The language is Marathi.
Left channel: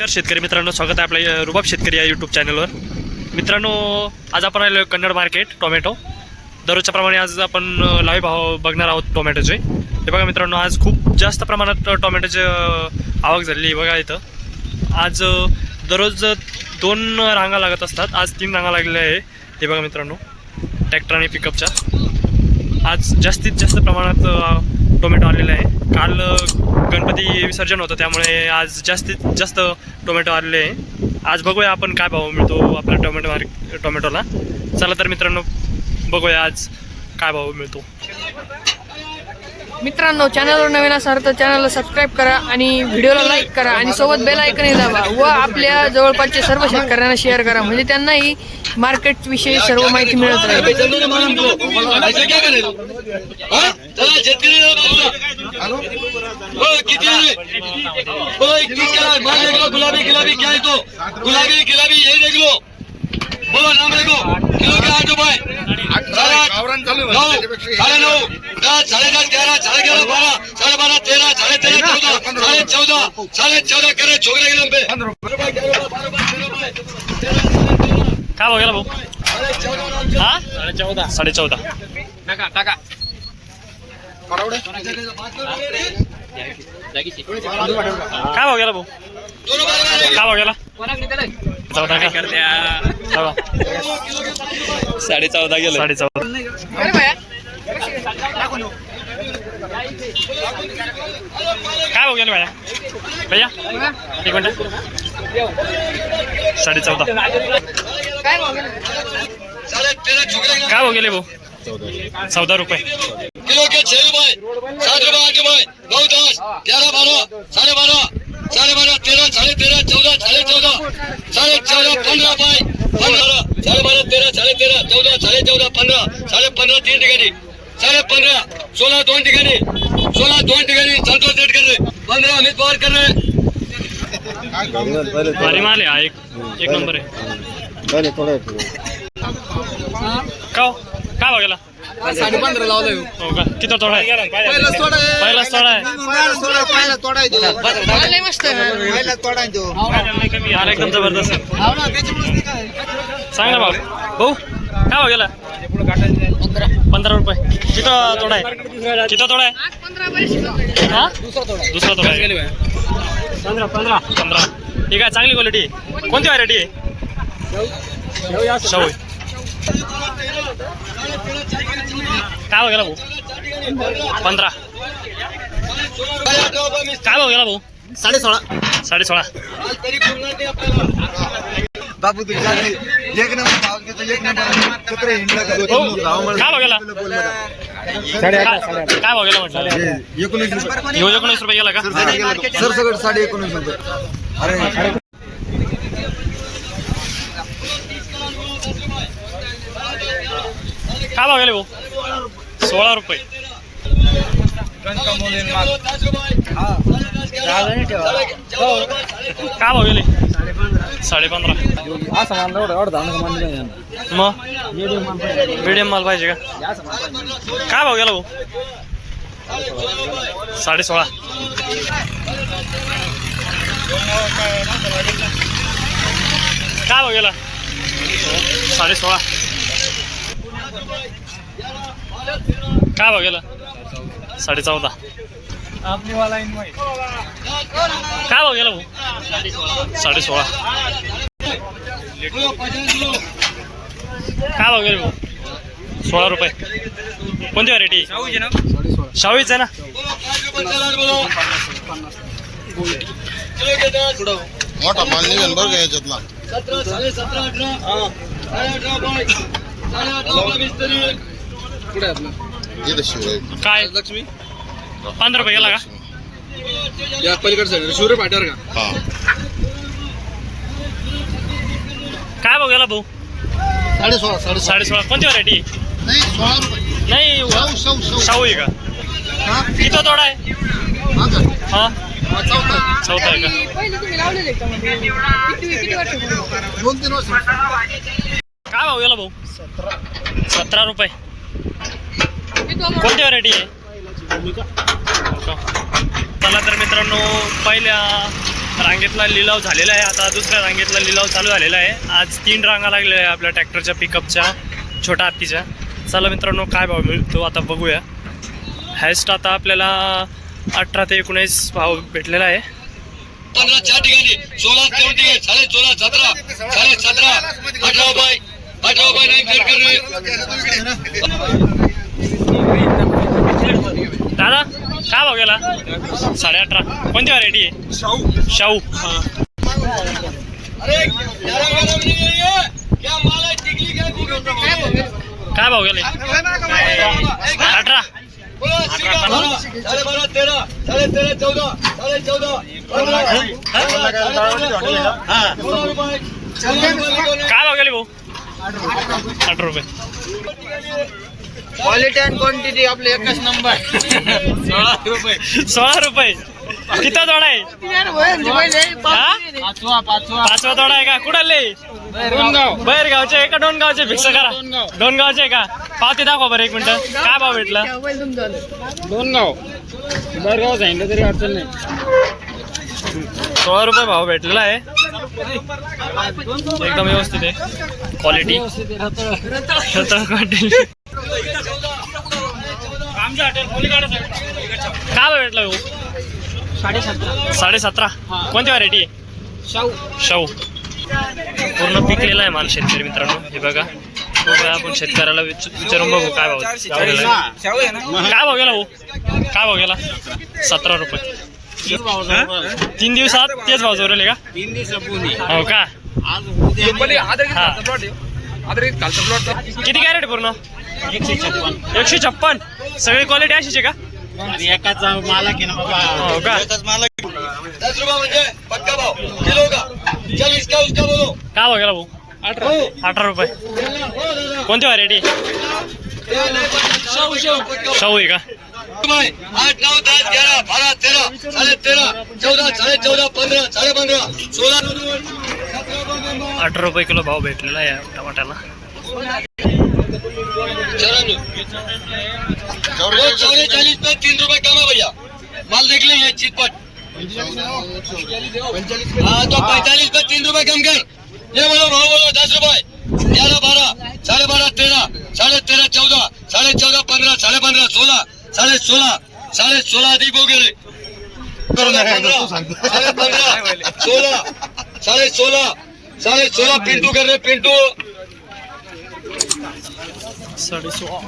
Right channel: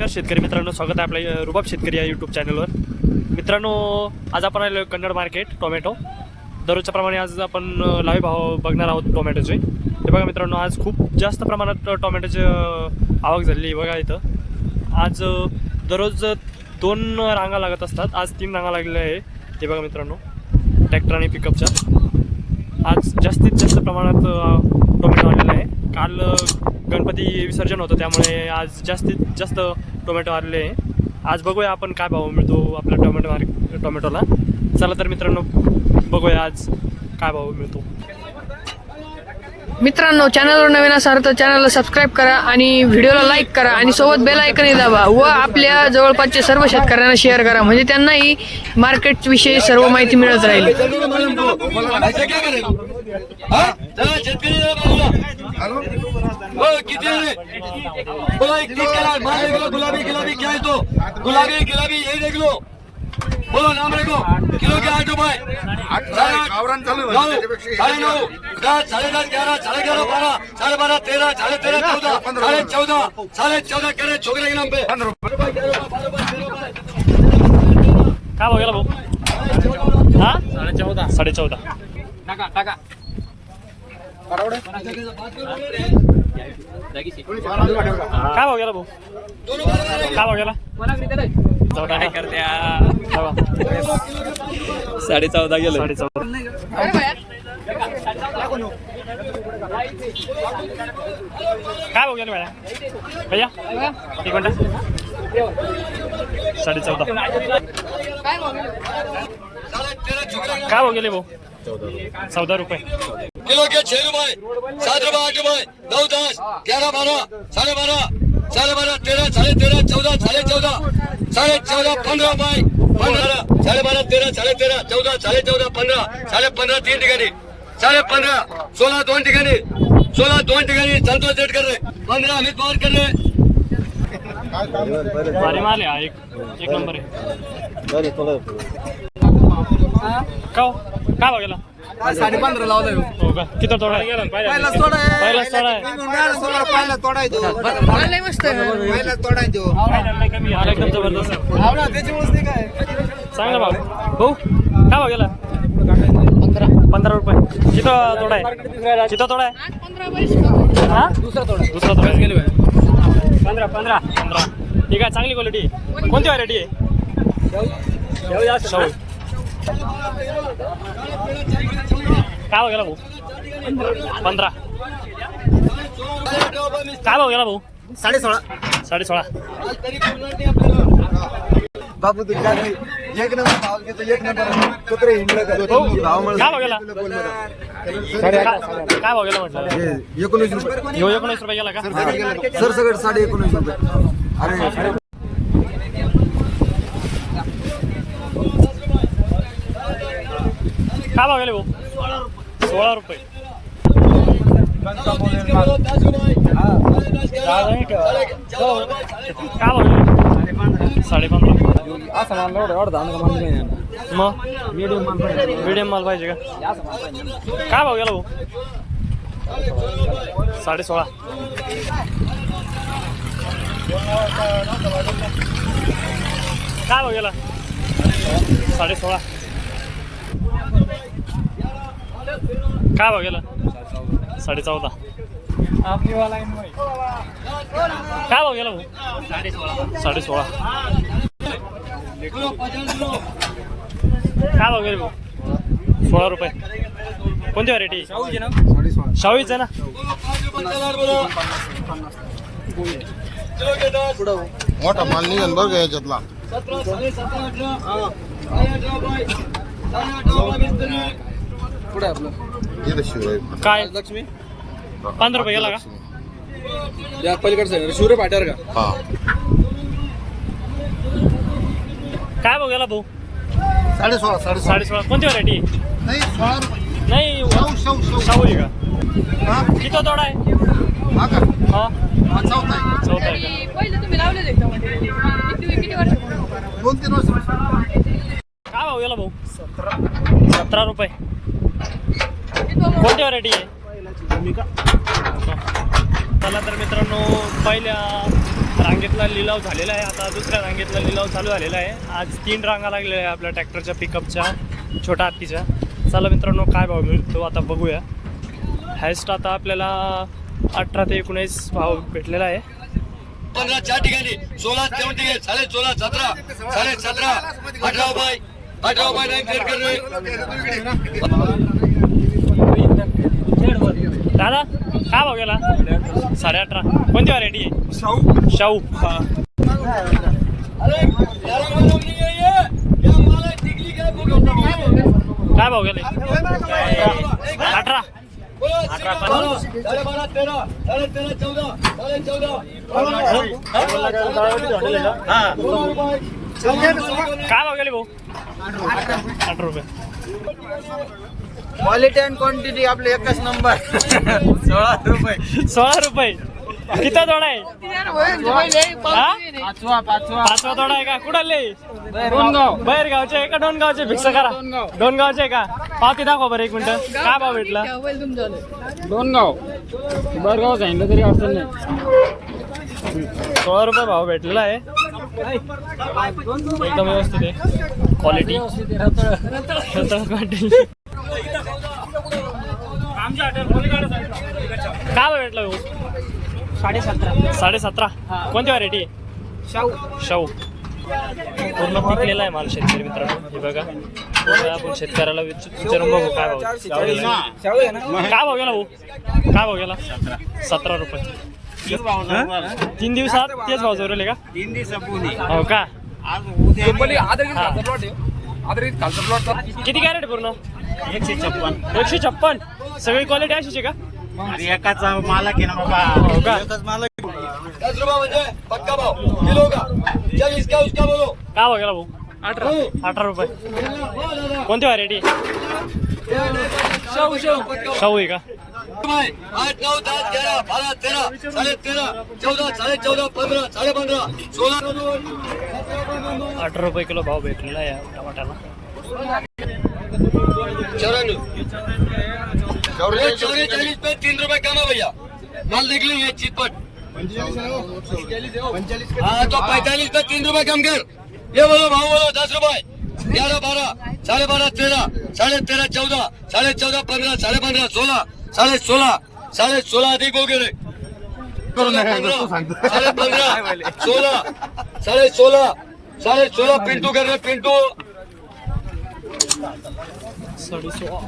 नमस्कार शेतकरी मित्रांनो. स्वागत आहे आपल्या रुबाब शेतकरी या यूट्यूब चॅनलवर मित्रांनो आज आपण आलो कन्नड मार्केट टोमॅटो दररोजच्या प्रमाणे आज आपण लावी भाव बघणार आहोत टोमॅटोचे हे बघा मित्रांनो आज खूप जास्त प्रमाणात टोमॅटोची आवक झालेली आहे. बघा इथं. आज दररोज दोन रांगा लागत असतात. आज तीन रांगा लागलेल्या आहे. हे बघा मित्रांनो ट्रॅक्टर आणि पिकअपच्या आज जास्तीत जास्त प्रमाणात टोमॅटो आलेला आहे. काल गणपती विसर्जन होतं त्यामुळे आज जास्तीत जास्त टोमॅटो आलेले आहे. आज बघूया आपण काय भाव मिळतो आपल्या टोमॅटो मार्क टोमॅटोला. चला तर मित्रांनो बघूया आज काय भाव मिळतो. मित्रांनो चॅनलवर नवीन असाल तर चॅनलला सबस्क्राईब करा आणि व्हिडिओला लाईक करा आणि सोबत बेल ऐकनही दाबा व आपल्या जवळपासच्या सर्व शेतकऱ्यांना शेअर करा. म्हणजे त्यांनाही मार्केट विषयी सर्व माहिती मिळत राहील. चला शेतकरी ओ किती इक्कीस देख लो गुलाबी गुलाबी क्या है तो? गुलाबी गुलाबी ये देख लो बोलो नाम लिखो किलो के आठ रुपए गावरान चालू आहे नौ म्हणजे त्याच्यापेक्षा साढ़े हे नौ दस साढ़े दस ग्यारह साढ़े ग्यारह बारह साढ़े बारह तेरह साढ़े तेरह चौदह साढ़े चौदह साढ़े चौदह करे छोकरे के नाम पे पंधरा. रुपये. रुपए ग्यारह बारह रुपए तेरह रुपए काय गेला भाऊ? हा साडे चौदा. साडे चौदा. काय भाव गेला भाऊ? काय भाव गेला? चौदा का? चौदा. साढ़े चौदह गेले. साडे चौदा काय भाव गेला भैया भैया एक मिनिट. साडे चौदा काय गेले भाऊ? चौदा रुपये. किलो के छह रुपए सात रुपए आठ रुपए नौ दस ग्यारह बारह साढ़े बारह साढ़े बारह तेरह साढ़े तेरह चौदह साढ़े चौदह साढ़े चौदह पंद्रह रुपए पंद्रह साढ़े बारह तेरह साढ़े तेरह चौदह साढ़े चौदह पंद्रह साढ़े पंद्रह तीन ठिकाणी साढ़े पंद्रह सोळा दोन ठिकाणी सोळा दोन ठिकाणी संतोष सेट कर रहे पंद्रह अमित पवार कर रहे भारी माल आहे हा एक एक नंबर आहे. का हो? काय भाव गेला? साडे पंधरा लावलाय. हो का? किती तोडा आहे? पहिला सोडा पहिलाच तोडा आहे. सोडा पहिला तोडाय पहिला तोडाय तो. माल एकदम जबरदस्त आहे. सांग ना भाऊ भाऊ काय भाव गेला? पंधरा रुपये. किती तोडा आहे? किती तोडा आहे? हा? दुसरा तोडा. आहे. पंधरा पंधरा. पंधरा. ठीक आहे चांगली क्वालिटी कोणती व्हरायटी आहे? शाहू. काय गेला भाऊ? पंधरा. काय गेला भाऊ? साडे सोळा साडे सोळा बाबू तू एक नंबर भाव घेतो एक काय भाव गेला? काय भाव गेला म्हटलं? एकोणीस एकोणीस रुपये गेला का? सर सगळं साडे एकोणीस रुपये. अरे. काय भाव गेले भाऊ? सोळा रुपये. काय भाव गेले? साडेपंधरा. मग मीडियम माल पाहिजे का? काय भाव गेला भाऊ? साडे सोळा काय भाव गेला? साडे सोळा काय भाव गेला? साडे चौदा काय भाव गेला भाऊ? साडे सोळा काय भाव गेले भाऊ? सोळा रुपये. कोणती व्हरायटी शाहूच आहे ना? मोठा माल निघेल बरं याच्यातला? सतरा साढ़े सतरा इथं काय? लक्ष्मी पंधरा रुपये गेला का? या पलीकडे शिवरे पाट्यावर का? हा. काय भाव गेला भाऊ? साडे सोळा साडे साडे सोळा कोणती व्हरायटी नाही सोळा रुपये. नाही शाहू शाहू शाहू. शाहू आहे का? हा? किती तोडा आहे. हा का? हा? हा चौथा आहे. चौथा आहे का? दोन तीन वर्ष. काय भाव गेला भाऊ? सतरा रुपये. कोणती व्हरायटी आहे? हो? चला तर मित्रांनो पहिल्या रांगेतला लिलाव झालेला आहे. आता दुसऱ्या रांगेतला लिलाव चालू झालेला आहे. आज तीन रांगा लागलेल्या आहे आपल्या ट्रॅक्टरच्या पिकअपच्या छोट्या हत्तीच्या. चला मित्रांनो काय भाव मिळतो आता बघूया. हायस्ट आता आपल्याला अठरा ते एकोणीस भाव भेटलेला आहे. पंधरा चार ठिकाणी सोळा तेवढ ठिकाणी साडे सोळा सतरा साडे सतरा अठरा रुपये अठरा कर रे दादा काय भाव गेला? साडे अठरा कोणती व्हरायटी आहे? शाहू. है ये क्या भाव गेले? अठरा. काय भाव गेले भाऊ? अठरा रुपये. क्वालिटी अँड क्वांटिटी आपले एकच नंबर सोळा रुपये. सोळा रुपये. किती तोडा आहे? हा? पाचवा पाचवा. आहे का? गाव बाहेर गावचे का? दोन गावचे फिक्स करा. दोन गावचे का? पावती दाखवा बरं एक मिनिट. काय भाव भेटला? दोन गाव बरगाव सांगितलं तरी अडचण नाही. सोळा रुपये भाव भेटलेला आहे. एकदम व्यवस्थित आहे. क्वालिटी काय भाव भेटला भाऊ? साडे सतरा साडे सतरा कोणती व्हरायटी आहे? शाहू. शाहू पूर्ण पिकलेला आहे माल शेतकरी मित्रांनो. हे बघा. आपण शेतकऱ्याला विच- विचारून बघू काय भाव. काय भाव गेला भाऊ? काय भाव गेला? सतरा रुपये. तीन दिवसात तेच भाव जोरले का? तीन दिवसापूर्वी हो. का किती कॅरेट पूर्ण? एकशे छप्पन. एकशे छप्पन. सगळी क्वालिटी अशीच आहे का? अरे एकाचा मालक आहे ना बाबा. हो का? दस रुपये म्हणजे पक्का भाव. किलो का? चल इसका उसका बोलो? काय भाव गेला भाऊ? अठरा. रुपये. कोणती व्हरायटी शाहू आहे का? आठ नऊ दस ग्यारह बारह तेरह साढ़े तेरह चौदह साढ़े चौदह पंद्रह साढ़े पंद्रह सोलह अठरा रुपये किलो भाव भेटलेला आहे या टमाट्याला. चौरानवे चौरे चालीस पे तीन रुपए कम है भैया. माल देख लीजिए चितपट. हाँ तो पैंतालीस पे तीन रुपए कम कर. ये बोलो भाव बोलो दस रुपए ग्यारह बारह साढ़े बारह तेरह साढ़े तेरह चौदह साढ़े चौदह पंद्रह साढ़े पंद्रह सोलह साढ़े सोलह साढ़े सोलह अधिक हो गए साढ़े पंद्रह सोलह साढ़े सोलह साढ़े सोलह पिंटू कर पिंटू। साडे सोळा